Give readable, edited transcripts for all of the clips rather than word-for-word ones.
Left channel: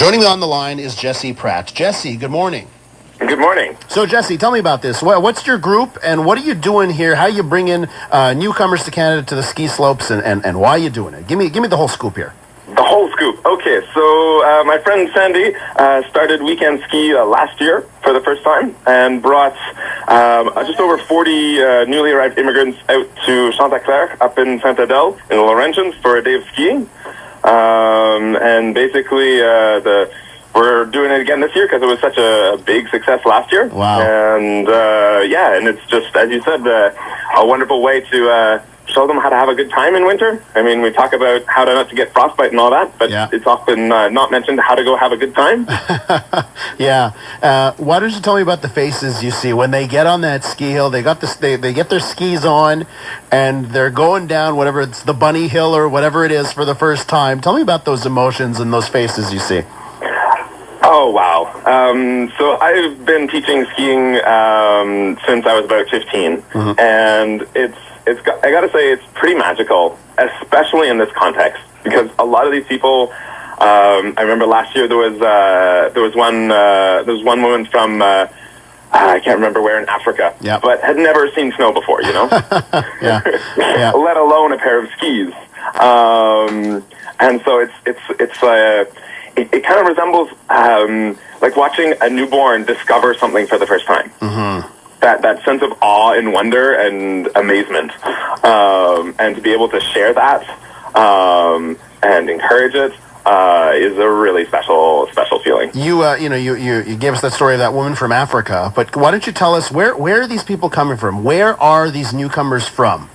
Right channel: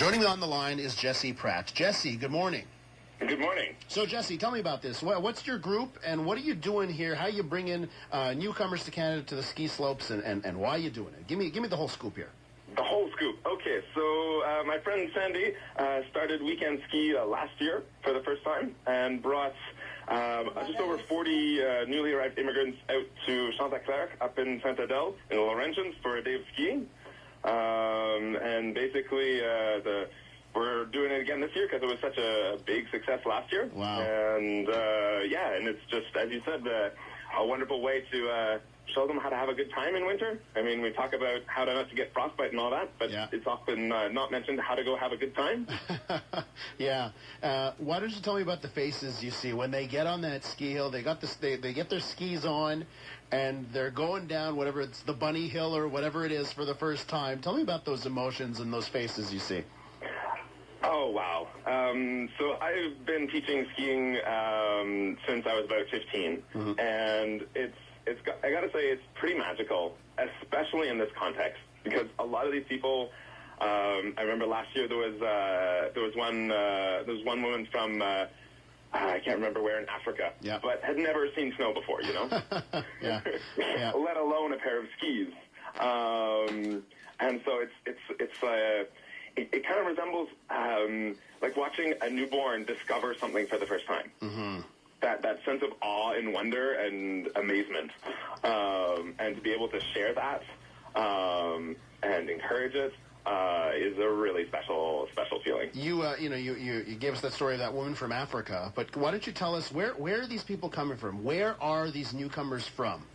Joining me on the line is Jesse Pratt. Jesse, good morning. Good morning. So, Jesse, tell me about this. What's your group, and what are you doing here? How are you bringing newcomers to Canada to the ski slopes, and why are you doing it? Give me the whole scoop here. The whole scoop. Okay, so my friend Sandy started OuiCanSki last year for the first time and brought just over 40 newly arrived immigrants out to Chanticleer up in Saint-Adèle in the Laurentians for a day of skiing. And basically, we're doing it again this year because it was such a big success last year. Wow. And and it's just, as you said, a wonderful way to show them how to have a good time in winter. I mean, we talk about how not to get frostbite and all that, but it's often not mentioned how to go have a good time. Yeah. Why don't you tell me about the faces you see when they get on that ski hill? They got they get their skis on, and they're going down whatever it's the bunny hill or whatever it is for the first time. Tell me about those emotions and those faces you see. Oh, wow. So I've been teaching skiing since I was about 15, and I got to say, it's pretty magical, especially in this context, because a lot of these people, I remember last year there was one woman from, I can't remember where in Africa, but had never seen snow before, you know? Let alone a pair of skis. And so it kind of resembles like watching a newborn discover something for the first time. That sense of awe and wonder and amazement, and to be able to share that and encourage it is a really special feeling. You gave us that story of that woman from Africa, but why don't you tell us where are these people coming from? Where are these newcomers from?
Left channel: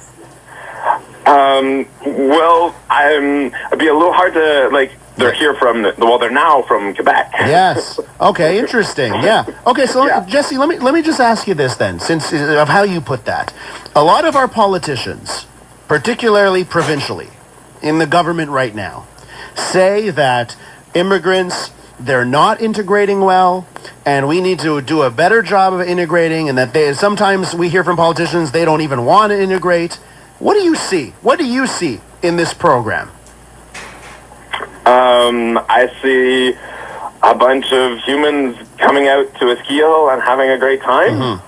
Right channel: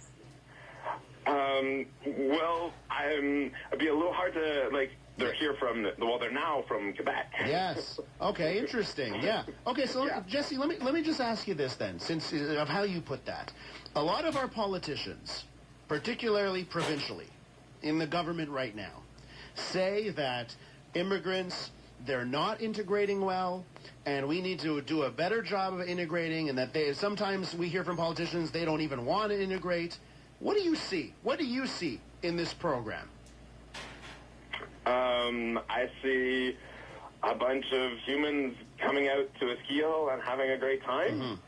Well, it'd be a little hard to They're here they're now from Quebec. Yes. Okay, interesting. Yeah. Okay, so Jesse, let me just ask you this then, since of how you put that. A lot of our politicians, particularly provincially, in the government right now, say that immigrants, they're not integrating well, and we need to do a better job of integrating, and that sometimes we hear from politicians they don't even want to integrate. What do you see? What do you see in this program? I see a bunch of humans coming out to a ski hill and having a great time.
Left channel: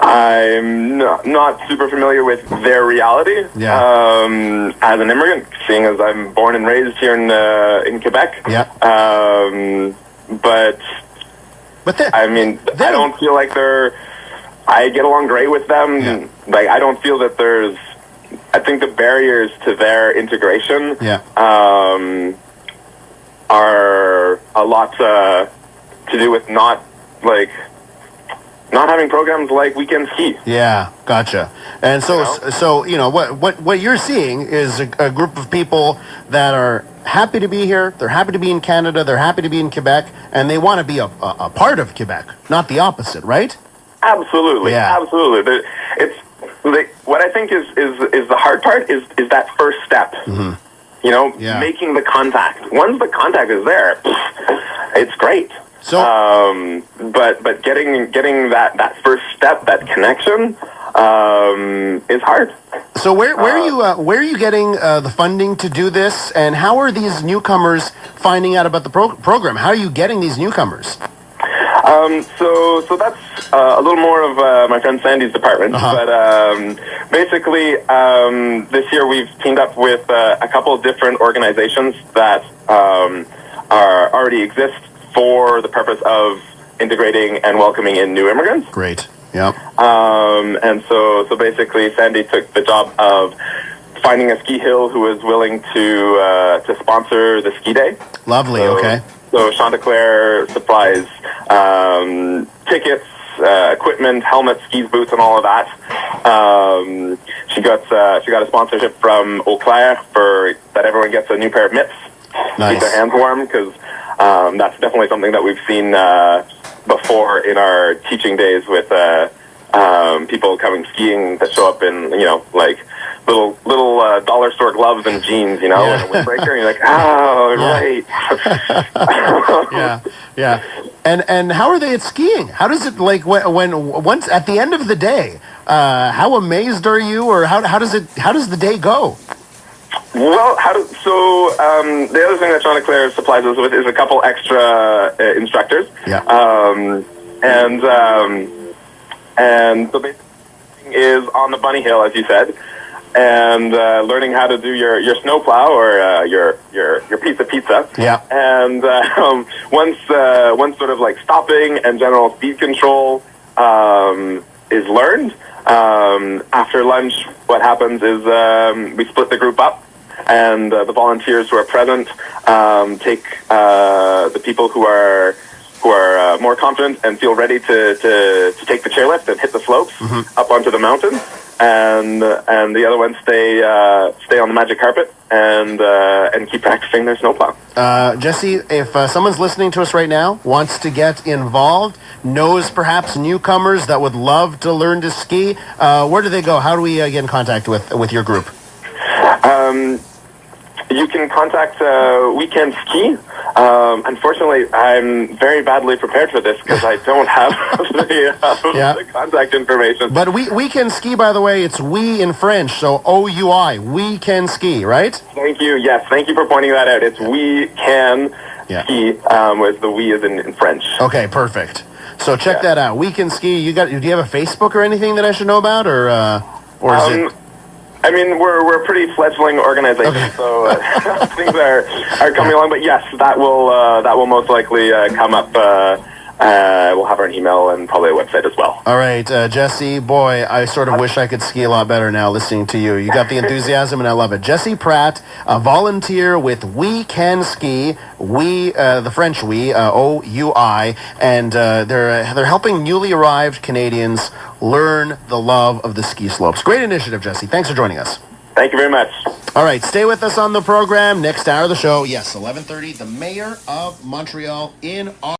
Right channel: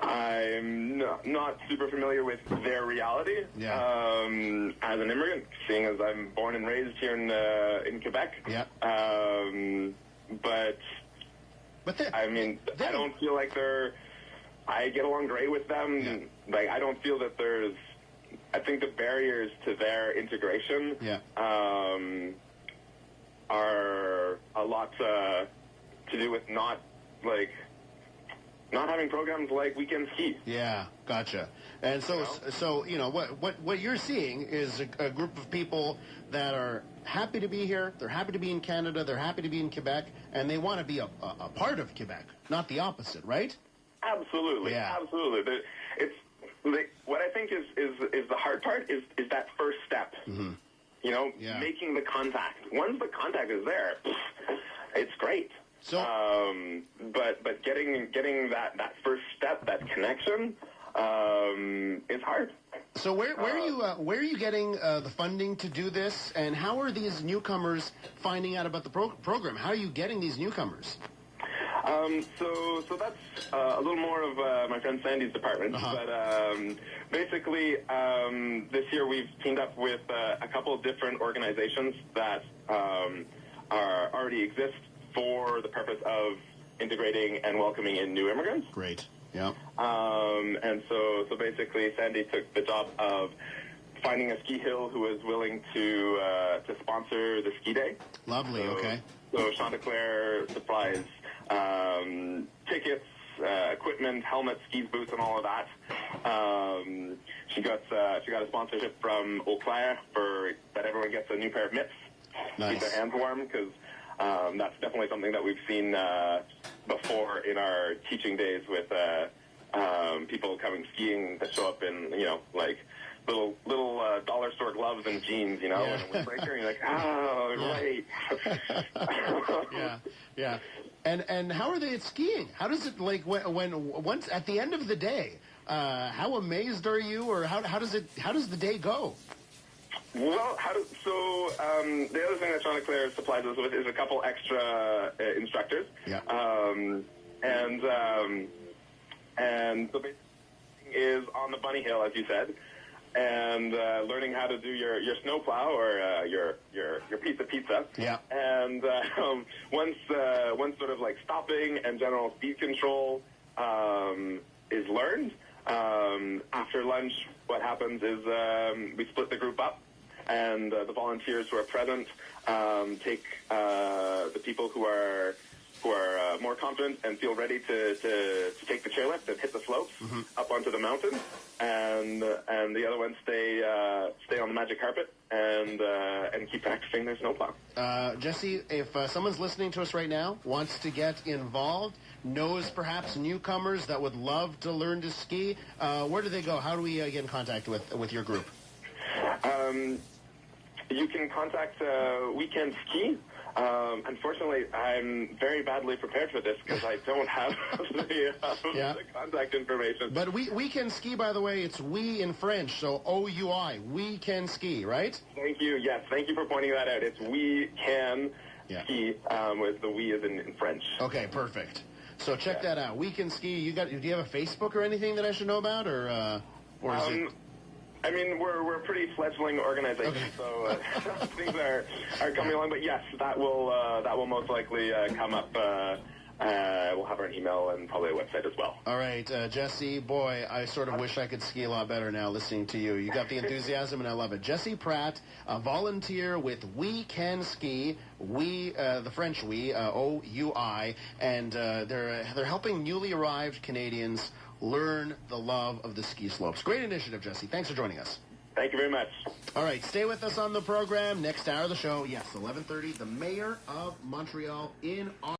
I'm not super familiar with their reality as an immigrant, seeing as I'm born and raised here in Quebec. But I mean, I don't feel like I get along great with them. Like, I don't feel that I think the barriers to their integration are a lot to do with not having programs like OuiCanSki. Yeah, gotcha. And so what you're seeing is a group of people that are happy to be here. They're happy to be in Canada. They're happy to be in Quebec, and they want to be a part of Quebec, not the opposite, right? Absolutely. Yeah. Absolutely. What I think is the hard part is that first step. Making the contact. Once the contact is there, it's great. So, but getting that first step, that connection, is hard. So where are you getting the funding to do this, and how are these newcomers finding out about the program? How are you getting these newcomers? So that's a little more of my friend Sandy's department, but basically this year we've teamed up with a couple of different organizations that already exist for the purpose of integrating and welcoming in new immigrants. Great. Yep. And so basically Sandy took the job of finding a ski hill who was willing to sponsor the ski day. Lovely. Okay. So Chanticleer supplies tickets, equipment, helmets, skis, boots, and all of that. She got a sponsorship from Eau Claire for that everyone gets a new pair of mitts. Nice. Keep their hands warm, because that's definitely something that we've seen before in our teaching days with people coming skiing that show up in little dollar store gloves and jeans, and a windbreaker, and you're like, right. Yeah. And how are they at skiing? How does it once at the end of the day? How amazed are you, or how does the day go? Well, the other thing that Chanticleer supplies us with is a couple extra instructors. Yeah. And the basic thing is on the bunny hill, as you said, and learning how to do your snowplow or your piece of pizza. Yeah. And once sort of like stopping and general speed control is learned, after lunch, what happens is we split the group up, and the volunteers who are present take the people who are more confident and feel ready to take the chairlift and hit the slopes up onto the mountain, and the other ones stay on the magic carpet and keep practicing their snowplow. Jesse, if someone's listening to us right now, wants to get involved, knows perhaps newcomers that would love to learn to ski, where do they go? How do we get in contact with your group? You can contact OuiCanSki. Unfortunately, I'm very badly prepared for this because I don't have the contact information. But OuiCanSki, by the way, it's we in French, so O-U-I, OuiCanSki, right? Thank you. Yes, thank you for pointing that out. It's OuiCanSki, with the we is in French. Okay, perfect. So check that out. OuiCanSki. Do you have a Facebook or anything that I should know about, or is it? I mean, we're a pretty fledgling organization, so things are coming along. But yes, that will most likely come up. We'll have our email and probably a website as well. All right, Jesse, boy, I sort of wish I could ski a lot better now listening to you. You got the enthusiasm, and I love it. Jesse Pratt, a volunteer with OuiCanSki, the French we, O-U-I, and they're helping newly arrived Canadians learn the love of the ski slopes. Great initiative, Jesse. Thanks for joining us. Thank you very much. All right, stay with us on the program. Next hour of the show, yes, 11:30, the Mayor of Montreal in our